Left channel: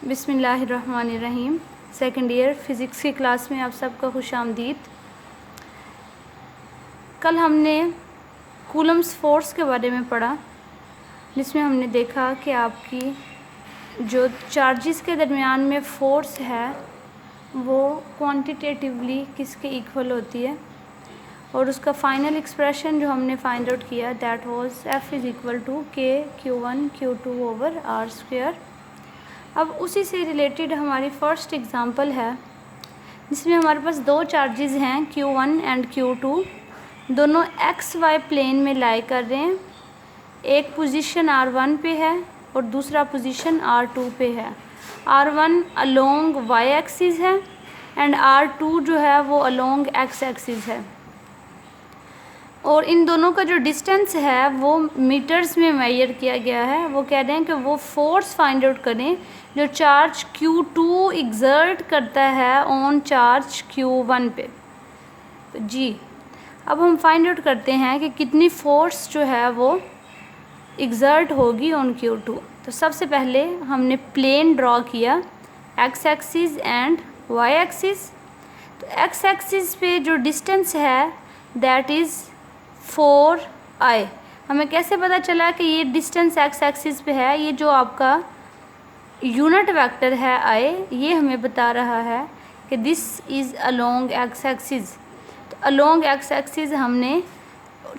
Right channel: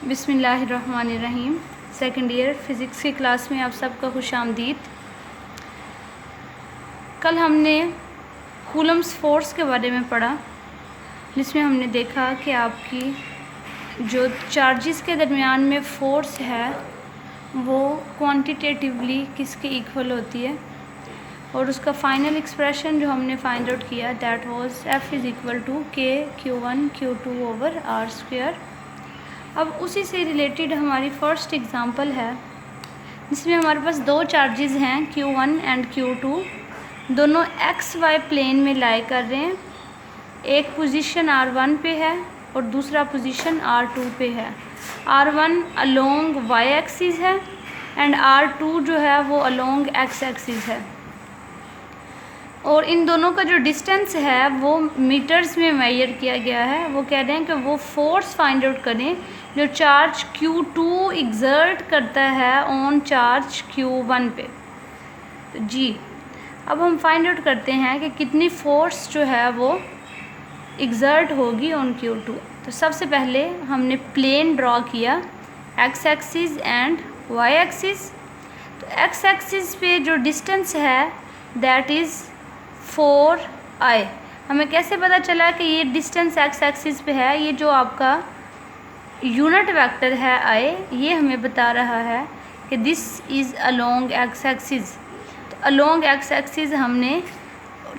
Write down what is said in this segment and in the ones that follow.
बिस्मिल्लाहिर्रहमानिर्रहीम। Second year physics की class में आप सबका खुशामदीद। कल हमने कूलम्स फ़ोर्स के बारे में पढ़ा, जिसमें हमने देखा कि आपकी जो चार्जेस के दरमियान में फ़ोर्स है वो क्वांटिटेटिवली किसके इक्वल होती है, और उसका फ़ाइनल एक्सप्रेशन जो हमने फाइंड आउट किया that was F is equal to K Q1 Q2 over R square. अब उसी से रिलेटेड हमारी फ़र्स्ट एग्ज़ाम्पल है, जिसमें हमारे पास दो चार्जेस हैं Q1 एंड Q2, दोनों XY प्लेन में लाई कर रहे हैं। एक पोजीशन R1 पे है और दूसरा पोजीशन R2 पे है। R1 अलोंग Y एक्सिस है एंड R2 जो है वो अलोंग X एक्सिस है, और इन दोनों का जो डिस्टेंस है वो मीटर्स में मेजर किया गया है। वो कह रहे हैं कि वो फोर्स फाइंड आउट करें जो चार्ज Q2 एग्जर्ट करता है ऑन चार्ज Q1 पे। तो जी अब हम फाइंड आउट करते हैं कि कितनी फोर्स जो है वो एग्जर्ट होगी ऑन Q2। तो सबसे पहले हमने प्लेन ड्रॉ किया, X axis and Y axis. तो X एक्सिस पे जो डिस्टेंस है दैट इज़ 4I। हमें कैसे पता चला कि ये डिस्टेंस X एक्सिस पे है? ये जो आपका यूनिट वेक्टर है I, ये हमें बता रहा है कि this is along X axis. तो अलोंग X एक्सिस हमने,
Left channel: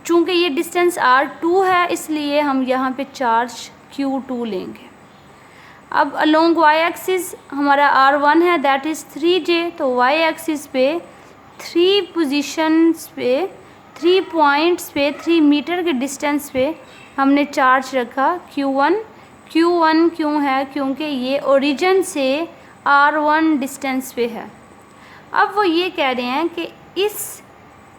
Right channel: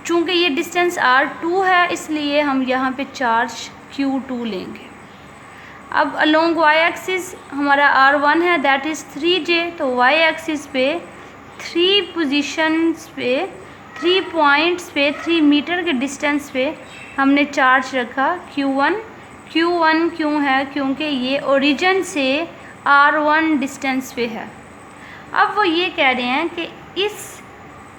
चूँकि ये डिस्टेंस R2 है इसलिए हम यहाँ पे चार्ज Q2 लेंगे। अब अलोंग Y एक्सिस हमारा R1 है दैट इज़ 3J। तो Y एक्सिस पे 3 पोजीशंस पे 3 पॉइंट्स पे 3 मीटर के डिस्टेंस पे हमने चार्ज रखा Q1 क्यों है? क्योंकि ये ओरिजिन से R1 डिस्टेंस पे है। अब वो ये कह रहे हैं कि इस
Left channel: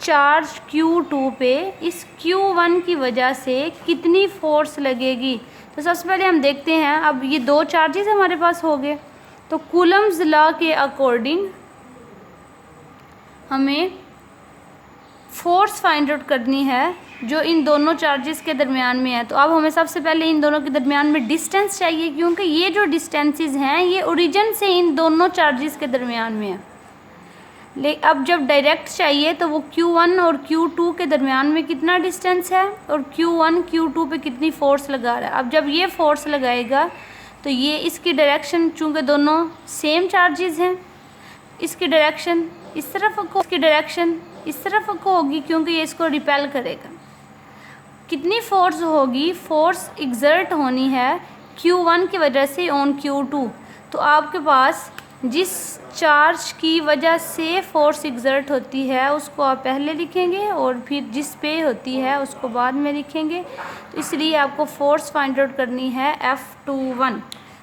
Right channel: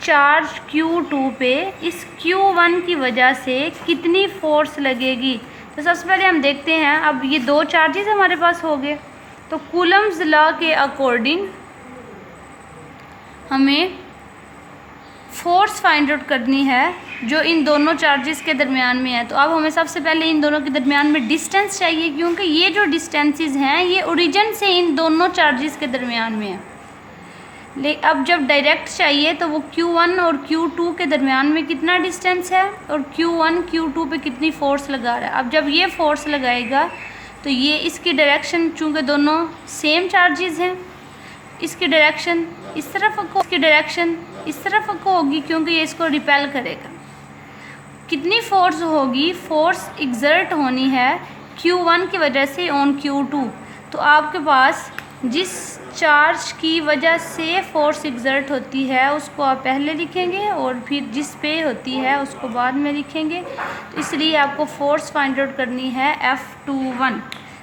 चार्ज Q2 पे इस Q1 की वजह से कितनी फोर्स लगेगी। तो सबसे पहले हम देखते हैं, अब ये दो चार्जेस हमारे पास हो गए, तो कूलम्स लॉ के अकॉर्डिंग हमें फोर्स फाइंड आउट करनी है जो इन दोनों चार्जेस के दरमियान में है। तो अब हमें सबसे पहले इन दोनों के दरमियान में डिस्टेंस चाहिए, क्योंकि ये जो डिस्टेंसेस हैं ये ओरिजिन से इन दोनों चार्जेस के दरमियान में है। अब जब डायरेक्ट चाहिए तो वो Q1 और Q2 के दरमियान में कितना डिस्टेंस है और Q1 Q2 पे कितनी फ़ोर्स लगा रहा है। अब जब ये फ़ोर्स लगाएगा तो ये इसकी डायरेक्शन, चूँकि दोनों सेम चार्जेस हैं, इसकी डायरेक्शन इस तरफ को, इसकी डायरेक्शन इस तरफ को होगी, क्योंकि ये इसको रिपेल करेगा। कितनी फोर्स होगी? फोर्स एग्जर्ट होनी है Q1 की वजह से ऑन Q2। तो आपके पास जिस चार्ज की वजह से फोर्स एग्जर्ट होती है उसको आप पहले लिखेंगे और फिर जिस पे होती है उसको बाद में लिखेंगे। तो इसलिए आपको फोर्स फाइंड आउट करनी है F21।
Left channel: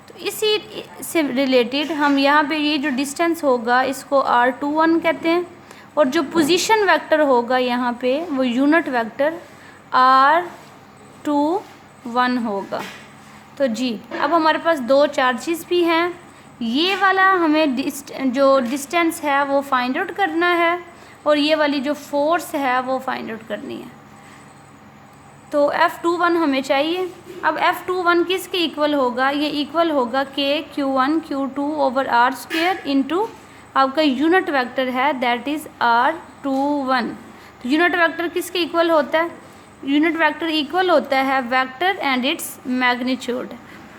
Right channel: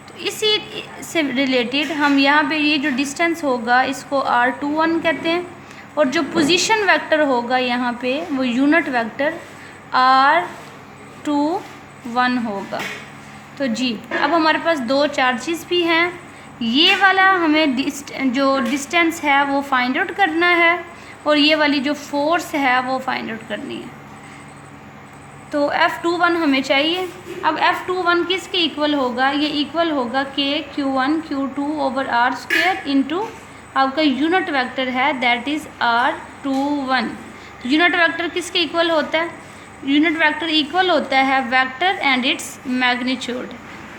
तो इसी से रिलेटेड हम यहाँ पे ये जो डिस्टेंस होगा इसको R21 कहते हैं, और जो पोजीशन वेक्टर होगा यहाँ पे वो यूनिट वेक्टर R21 होगा। तो जी अब हमारे पास दो चार्जेस भी हैं, ये वाला हमें जो डिस्टेंस है वो फाइंड आउट करना है और ये वाली जो फोर्स है वो फाइंड आउट करनी है। तो F21 हमें चाहिए। अब F21 किसके इक्वल होगा? ये इक्वल होगा K Q1 Q2 over R square into आपका यूनिट वेक्टर है that is R21। Unit vector किसके इक्वल होता है? यूनिट वेक्टर इक्वल होता है वेक्टर एंड इट्स मैग्नीट्यूड।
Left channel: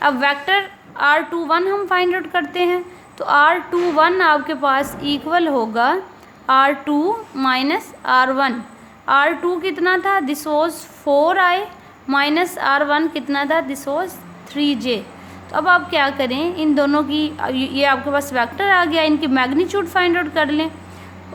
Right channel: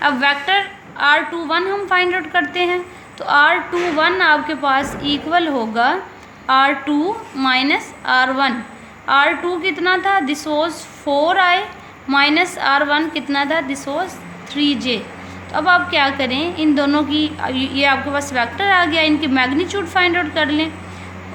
अब वेक्टर R21 हम फाइंड आउट करते हैं, तो R21 आपके पास इक्वल होगा R2 माइनस R1। R2 कितना था? This was 4I minus R1 कितना था? This was 3J। तो अब आप क्या करें, इन दोनों की, ये आपके पास वेक्टर आ गया, इनकी मैग्नीट्यूड फाइंड आउट कर लें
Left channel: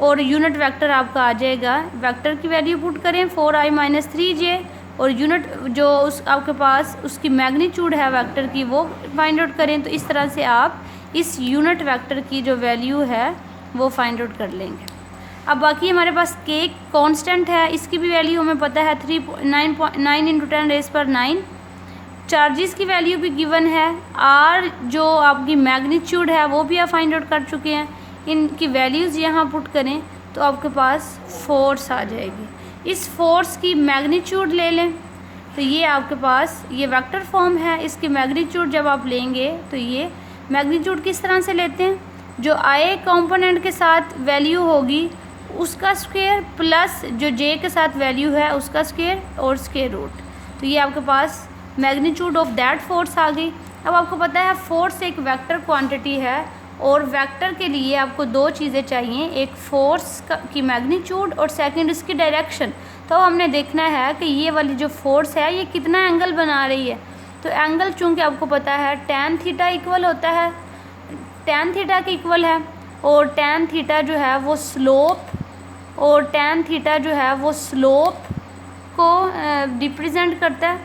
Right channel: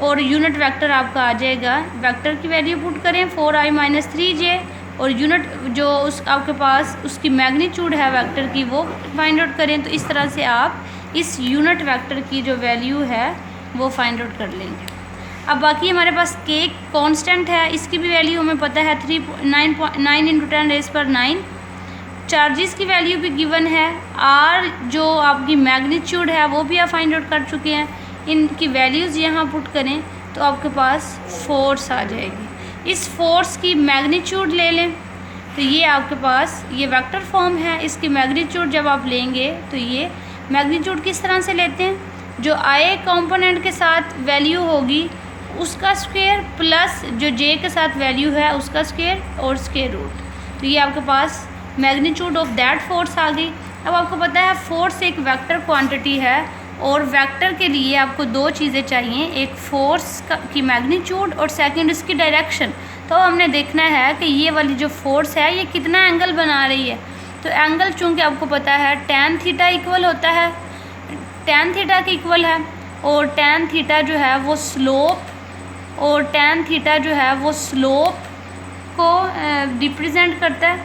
और यूनिट वेक्टर आपका आ जाएगा। वेक्टर की वैल्यू पुट करें 4I माइनस 3J, और यूनिट जो उस आपके पास उसकी मैग्नीट्यूड है वेक्टर की वो फाइंड आउट करें। तो इस तरह से आप इस यूनिट वेक्टर की जो वैल्यू है वो फाइंड आउट कर लेंगे। अब बाकी हमारे पास K कांस्टेंट है, इसकी भी वैल्यू हमें पता है 9 इंटू 10 रेज़ पर 9। चार्जेस की वैल्यू भी गिवन है, R जो आपकी मैग्नीट्यूड है वो भी आप फाइंड आउट कर चुके हैं। इनकी वैल्यूज़ यहाँ पुट करें तो आपके पास फोर्स आ जाएगी। इस फोर्स की मैग्नीट्यूड ले लें तो ये आपके पास ये वेक्टर फॉर्म है, इसकी मैग्नीट्यूड जब आप लेंगे तो ये मैग्नीट्यूड किस तरह से लेते हैं, जो i कंपोनेंट के साथ वैल्यू होगी उसका स्क्वायर प्लस जो j के साथ वैल्यू है उसका स्क्वायर और स्क्वायर रूट। तो ये आपके पास मैग्नीट्यूड ऑफ दैट फोर्स आ गई। अब आपको पता है फोर्स एक वेक्टर क्वांटिटी है और वेक्टर के लिए आपको दो चीज़ें चाहिए, एक फोर्स की मैग्नीट्यूड और सेकंड इसकी डायरेक्शन। तो हमने देखना है कि ये वाली जो फोर्स है ये कितना एंगल बना रही है। तो एंगल चूँकि आपको पता है tan थीटा इक्वल होता है, tan थीटा के इक्वल है और tan थीटा जो है वो स्लोप और tan थीटा जो है वो स्लोप को रिप्रेजेंट करता है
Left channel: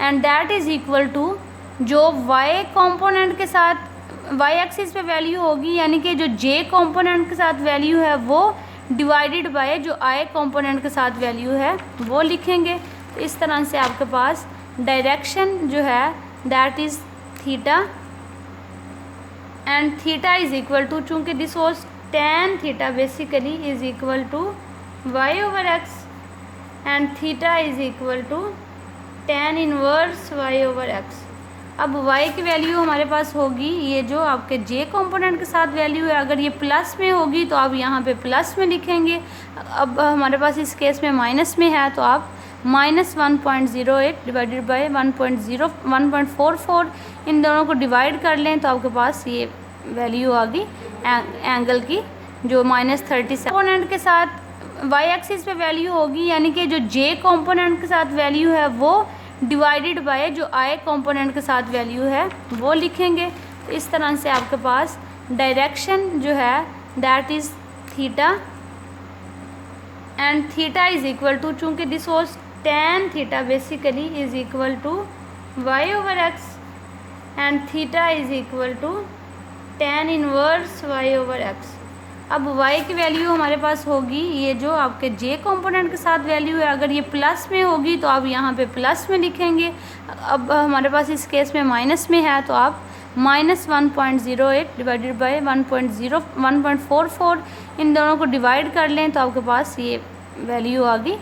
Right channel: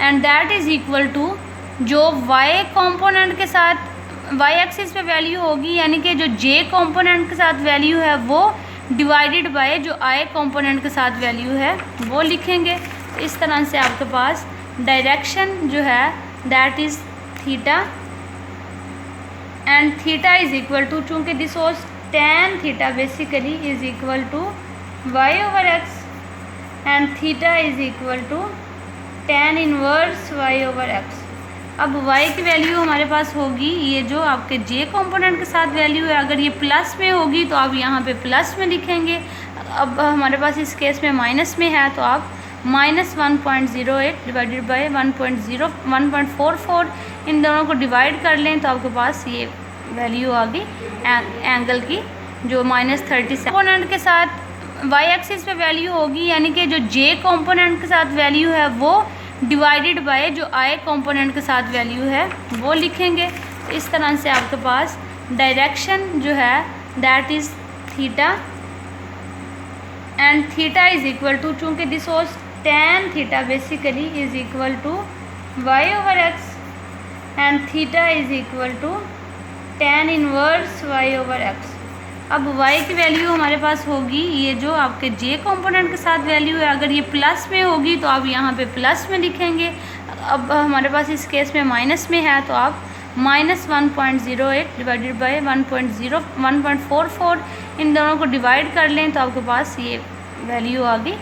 and that is equal to जो y कंपोनेंट के साथ y एक्सिस पे वैल्यू होगी यानी कि जो j कंपोनेंट के साथ वैल्यू है वो डिवाइडेड बाय जो i कंपोनेंट के साथ वैल्यू है वो लिखेंगे। तो इस तरह से आपके पास डायरेक्शन जो है that is theta and theta is equal to, चूँकि this was tan theta basically is equal to y over x and theta is equal to tan inverse y over x। अब y की value हमारे पास होगी ये जो आपके j component के साथ वैल्यू है, अगर ये प्लस में होगी तो आप यहाँ पे प्लस में लिखेंगे। अब हमारे पास इस केस में माइनस में है तो आप -1.08 डिवाइडेड बाय 1.44 इन दोनों को डिवाइड कर लें तो आपके पास ये वैल्यू आ गई एंगल की जो -37 कंपोनेंट के साथ y एक्सिस पे वैल्यू होगी यानी कि जो j कंपोनेंट के साथ वैल्यू है वो डिवाइडेड बाय जो i कंपोनेंट के साथ वैल्यू है वो लिखेंगे। तो इस तरह से आपके पास डायरेक्शन जो है that is theta and theta is equal to, चूँकि this was tan theta basically is equal to y over x and theta is equal to tan inverse y over x। अब y की value हमारे पास होगी ये जो आपके j component के साथ वैल्यू है, अगर ये प्लस में होगी तो आप यहाँ पे प्लस में लिखेंगे। अब हमारे पास इस केस में माइनस में है तो आप -1.08 डिवाइडेड बाय 1.44 इन दोनों को डिवाइड कर लें तो आपके पास ये वैल्यू आ गई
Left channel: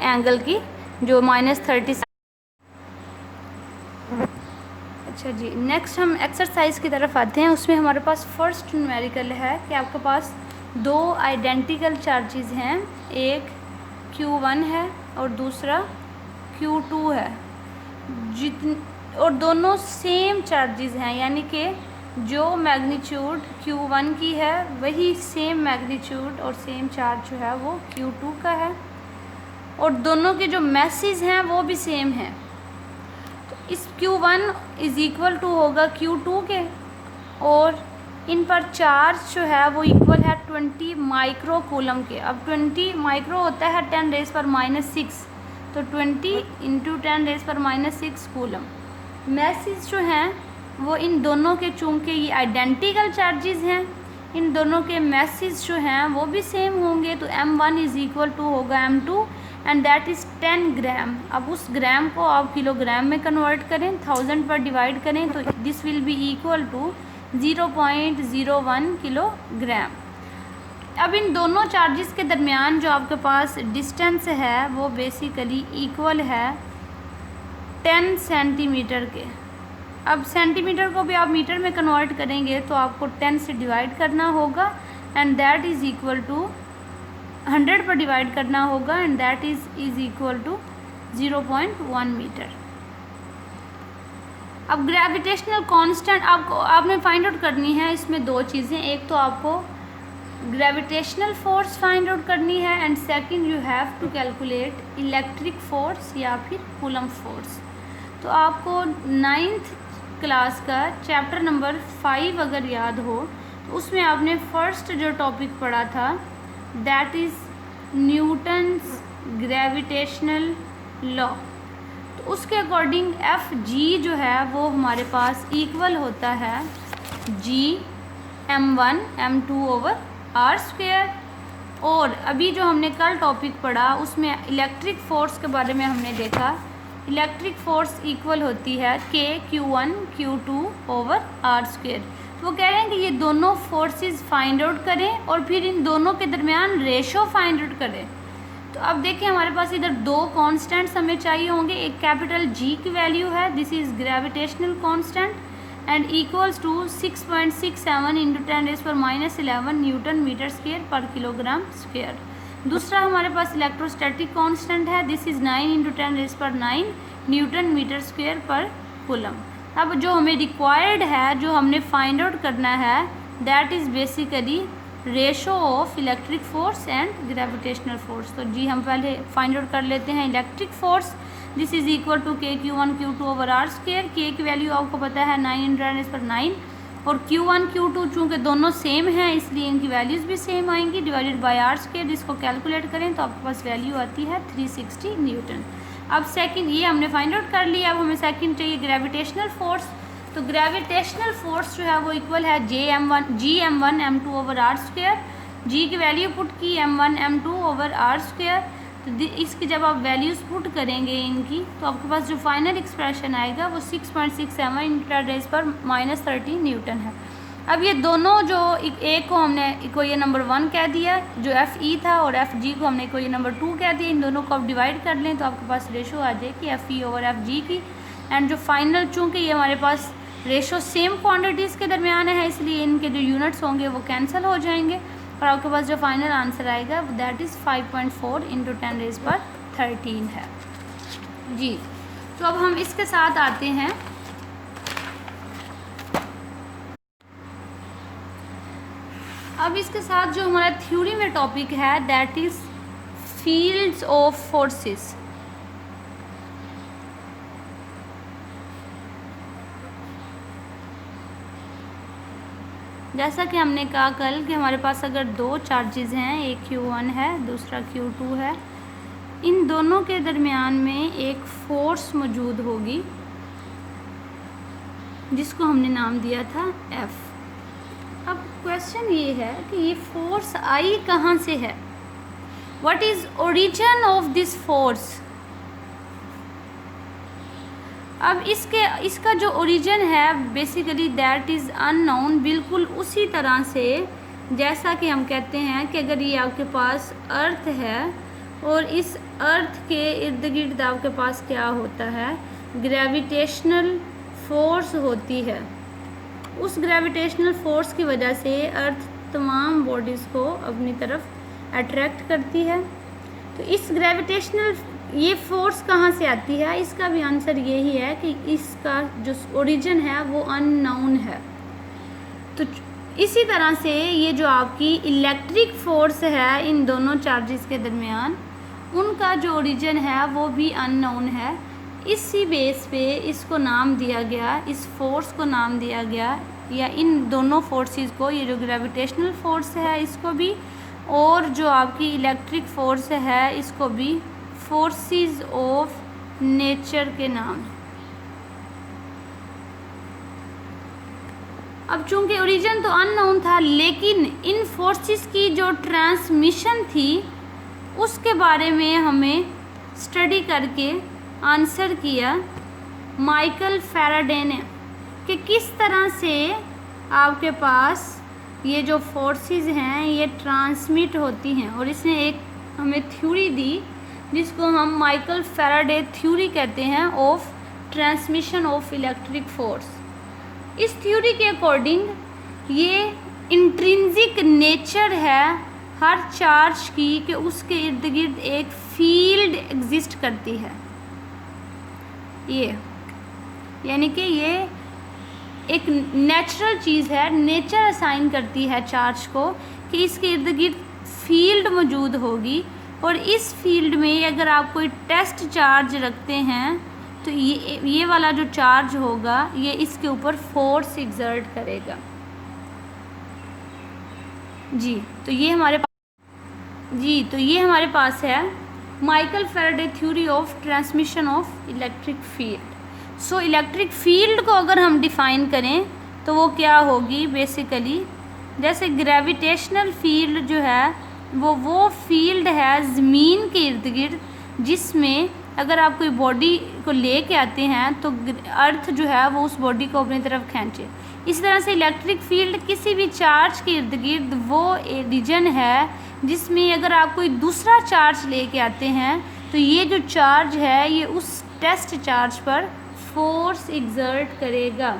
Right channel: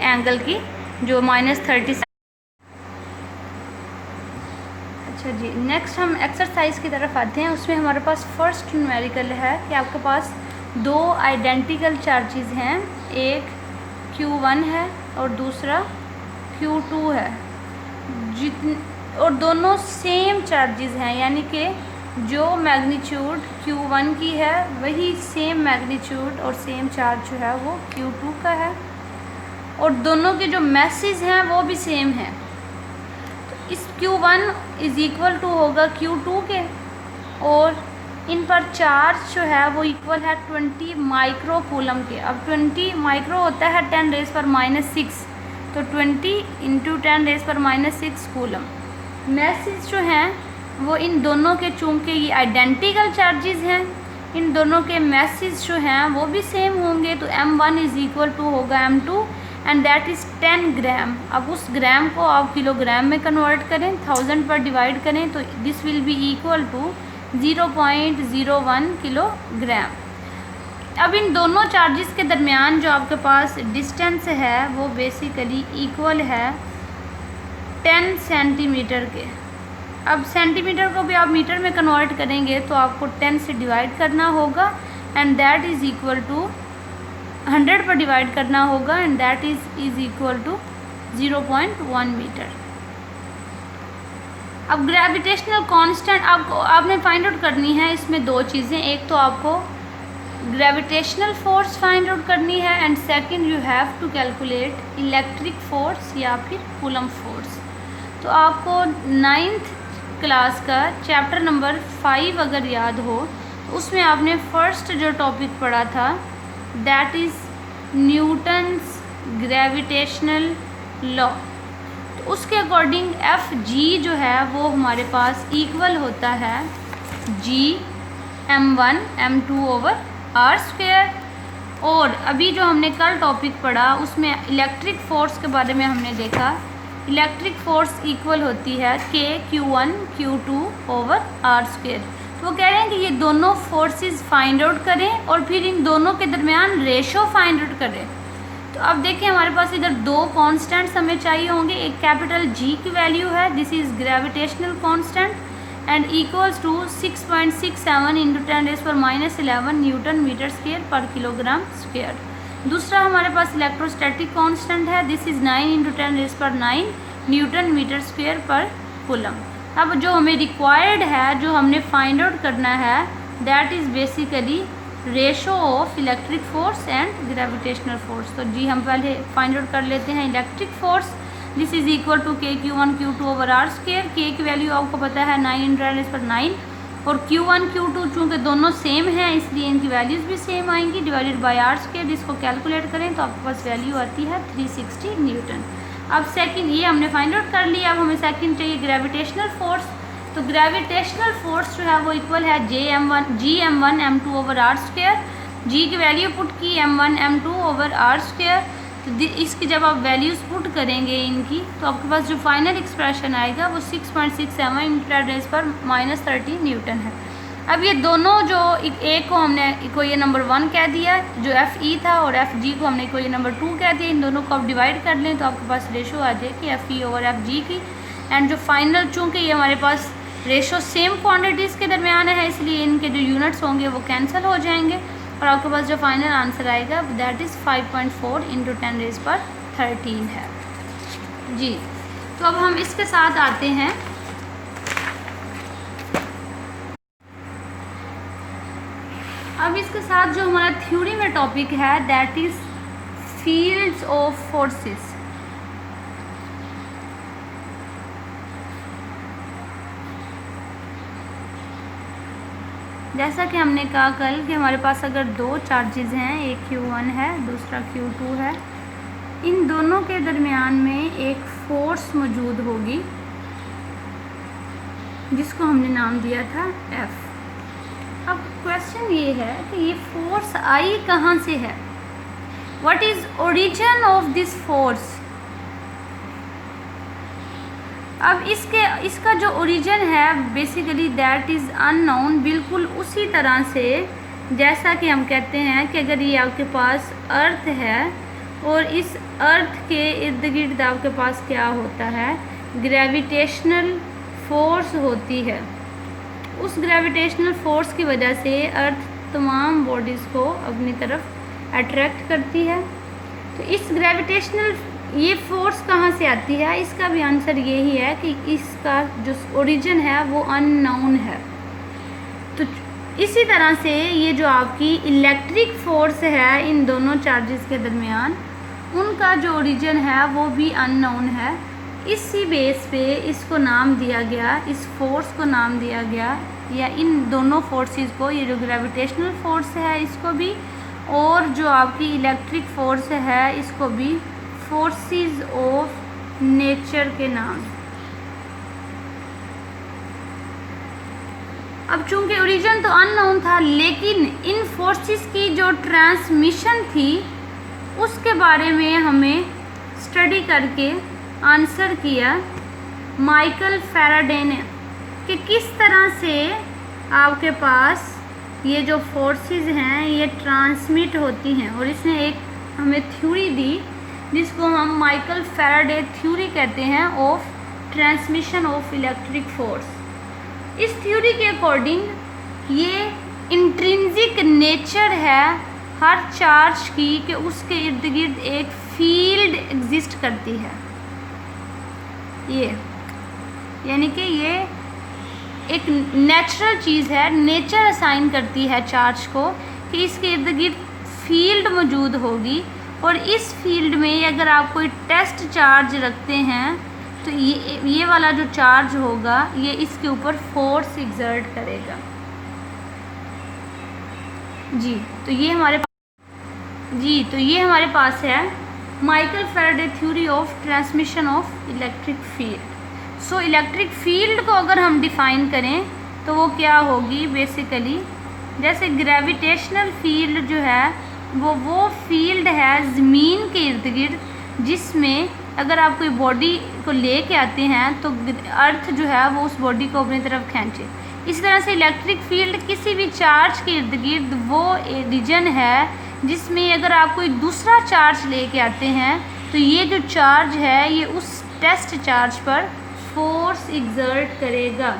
एंगल की जो -37। अच्छा जी, नेक्स्ट हम एक्सरसाइज की तरफ आते हैं। उसमें हमारे पास फर्स्ट न्यूमेरिकल है कि आपके पास दो आइडेंटिकल चार्जेस हैं, एक Q1 है और दूसरा Q2 है, और दोनों सेम चार्जेस हैं यानी कि जो मैग्नीट्यूड Q1 की है वही सेम मैग्नीट्यूड और सेम चार्ज जो है वो Q2 का है और दोनों के जो मैसेज हैं वो भी सेम है। इस Q1 इज़ इक्वल टू होगा Q2 के और इन पर चार्ज जो है वो इक्वल है 20 माइक्रो कूलम के। अब 20 माइक्रो होता है 10⁻⁶, तो 20 इंटू 10⁻�6 कूलम। मैसेज जो हैं वो इन दोनों के, चूँकि ये आइडेंटिकल चार्जेस हैं, इन दोनों के मैसेज जो हैं वो भी सेम होंगे। तो M1 इज़ इक्वल टू होगा M2 एंड दैट इज़ 10 ग्राम। अब उस ग्राम को आप किलोग्राम में कन्वर्ट करें, 1000 पर डिवाइड करें तो this will be equal to 0.01 kilogram. अब इन दोनों चार्जेस के दरमियान जो आपके पास डिस्टेंस है वो बेसिकली इक्वल है 10 सेंटीमीटर के। अब सेंटीमीटर को भी आप मीटर में कन्वर्ट करेंगे तो आपको 10 से डिवाइड करना होगा and that is equal to 100 पर डिवाइड करना होगा and that is equal to 0.1 metre. अब ग्रेविटेशनल कांस्टेंट आपने फाइंड आउट करनी है। इसमें दो चीज़ें, एक तो आपको ग्रेविटेशनल फोर्स फाइंड आउट करनी है and second you have to calculate electric force या फिर कूलम फोर्स। तो आपको 9th क्लास का चैप्टर नंबर 5 अगर याद हो तो उसमें आपने फर्स्ट जो टॉपिक पढ़ा था that is Newton's gravitational law. तो उसके अकॉर्डिंग एफ जी जो है वो हमारे पास इक्वल होता है m1 m2 over R square. और अभी जो हमने कल टॉपिक पढ़ा उसमें इलेक्ट्रिक फोर्स के बारे में हमने देखा, इलेक्ट्रिक फोर्स इक्वल होती है Q1 Q2 over R square. तो वो कह रहे हैं कि ये दोनों फोर्सेस फाइंड आउट करें और फिर इन दोनों के दरमियान रेशो फाइंड आउट करें। तो अब देखिए हमारे पास इधर दो कांस्टेंट्स हमें चाहिए होंगे, एक कैपिटल G की वैल्यू है, this is gravitational constant, and equals to 6.67 into 10⁻⁻11 newton metre square पर किलोग्राम स्क्वायर। दूसरा हमारे पास इलेक्ट्रोस्टैटिक कांस्टेंट है, this is 9 into 10⁻9 newton metre square पर कूलम। अब जो हमें रिक्वायर्ड है, जो हमने फाइंड आउट करना है, that is basically ratio of electric force and gravitational force. तो जी हम पहले फाइंड आउट कर लेते हैं electric force. This is equal to KQ1 Q2 over R square. K की वैल्यू आपको पता है 9 इंटू 10⁻9 और Q1 Q2 चूँकि दोनों सेम हैं इसलिए इनकी वैल्यूज़ भी सेम आएंगी, डिवाइडेड बाय आर स्क्वायर। इसको कैलकुलेट करें तो आपके पास वैल्यू आती है 360 न्यूटन। अब सेकंड ये हमने फाइंड आउट कर लिया, अब हमें सेकंड चाहिए ग्रेविटेशनल फोर्स। तो ग्रेविटेशनल फोर्स जो है वो इक्वल है GM1 M2 over R square. जी की वैल्यू पुट की M1 M2 over R square. तो इसकी जब आप वैल्यूज़ पुट करेंगे इनकी तो आपके पास जो फाइनल एक्सप्रेशन आएगा वो 6.67 इंटू 10⁻13 न्यूटन है। अब ये दोनों जो ए को हमने इक्वेशन नंबर 1 कह दिया, जो FE था, और FG को हमने इक्वेशन नंबर 2 कह दिया। इन दोनों को आप डिवाइड कर लें तो आपके पास रेशो आ जाएगी FE ओवर FG की। एंड जो फाइनल, चूँकि ये हमारे पास रेशो सेम क्वांटिटीज़ के दरमियान है इसलिए इनके जो यूनिट्स होंगे वो कैंसिल हो जाएंगे और आपके पास जो फाइनल आंसर आएगा दैट इज़ 5.4 इंटू 10⁻13 है जी। तो अब हम इसके साथ आते हैं अब इसके साथ जो हमारा थ्योरी में टॉपिक है that is fields of forces. जैसा कि हमने कहा कल कि हमारे पास अगर दो चार्जेस हैं, एक Q1 है दूसरा Q2 है, इन दोनों के दरमियान में एक फोर्स मौजूद होगी जिसको हमने नाम दिया था F। अब क्वेश्चन ये है कि ये फोर्स आई कहाँ से है, what is origin of this force. अब इसका जो ओरिजिन है बेसिकली दैट इज़ अननोन। बिल्कुल उसी तरह से जैसा कि हम कहते हैं कि अगर ये आपके पास अर्थ है और इस अर्थ के इर्द गिर्द आपके पास क्या होता है, ग्रेविटेशनल फोर्स होती है। उस ग्रेविटेशनल फोर्स की वजह से अर्थ तमाम बॉडीज़ को अपनी तरफ अट्रैक्ट करती है। तो इस ग्रेविटेशनल ये फोर्स कहाँ से आती है, इसका भी आंसर यही है कि इसका जो ओरिजिन है वो अननोन है। तो इसी तरह से ये जो आपकी इलेक्ट्रिक फोर्स है इन दोनों चार्जेस के दरमियान, उनका जो ओरिजिन है वो भी अननोन है। इसी बेस पे इसको नाम दिया गया, इस फोर्स को नाम दिया गया, या इन दोनों फोर्सेस को, ये जो ग्रेविटेशनल फोर्स है इसको भी और जो आपकी इलेक्ट्रिक फोर्स है इसको भी फोर्सेस ऑफ नेचर के नाम। अब चूंकि ओरिजिन तो अननोन था लेकिन इन फोर्सेस की जो ट्रांसमिशन थी उसके बारे में हमें स्टडी करके आंसर किया माइकल फैराडे ने कि किस तरह से आपके पास ये जो फोर्सेस हैं ये ट्रांसमिट होती हैं, और इसने एक हमें थ्योरी दी जिसको हम माइकल फैराडे थ्योरी कहते हैं of transmission of electric force. इस थ्योरी के अकॉर्डिंग ये इंट्रिंसिक नेचर है हर चार्ज की कि उसके इर्द गिर्द एक फील्ड एग्जिस्ट करती है। ये यानी कि ये एक नेचुरल चीज़ है, नेचर असाइन करती है चार्ज को कि इसके इर्द गिर्द फील्ड मौजूद होगी, और इस फील्ड में अगर आप कोई टेस्ट चार्ज रखते हैं तो ये वाला जो चार्ज होगा ये इसके ऊपर फोर्स एक्सर्ट करेगा जी। तो ये हमारे पास है Michael Faraday theory of transmission of electric field. So electric field को अगर हम डिफ़ाइन करें तो वो क्या होगी, बेसिकली जैसे ग्रेविटेशनल फील्ड जो है वो फील्ड है ज़मीन के इर्द गिर्द, जिसमें अगर आप कोई बॉडी को ले के आते हैं तो अर्थ जो है वो उस बॉडी को अपनी तरफ खींचे। इसी तरह से इलेक्ट्रिक फील्ड किसी भी चार्ज के इर्द गिर्द वो रीजन है जिसमें अगर आप कोई दूसरा चार्ज ले के आते हैं तो ये जो चार्ज है ये उस टेस्ट चार्ज पर फोर्स एक्सर्ट करेगा।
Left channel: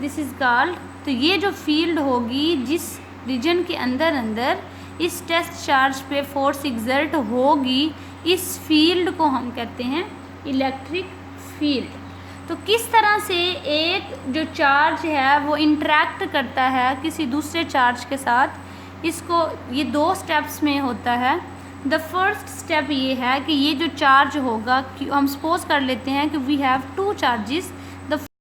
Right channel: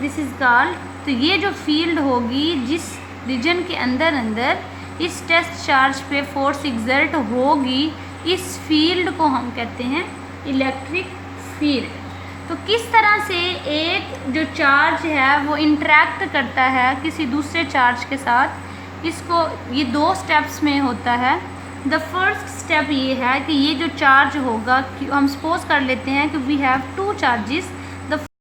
दिस इज़ कॉल्ड, तो ये जो फील्ड होगी जिस रीजन के अंदर अंदर इस टेस्ट चार्ज पे फोर्स एग्जर्ट होगी, इस फील्ड को हम कहते हैं इलेक्ट्रिक फील्ड। तो किस तरह से एक जो चार्ज है वो इंटरेक्ट करता है किसी दूसरे चार्ज के साथ, इसको ये 2 स्टेप्स में होता है। द फर्स्ट स्टेप ये है कि ये जो चार्ज होगा, हम सपोज कर लेते हैं कि वी हैव 2 चार्जेस, द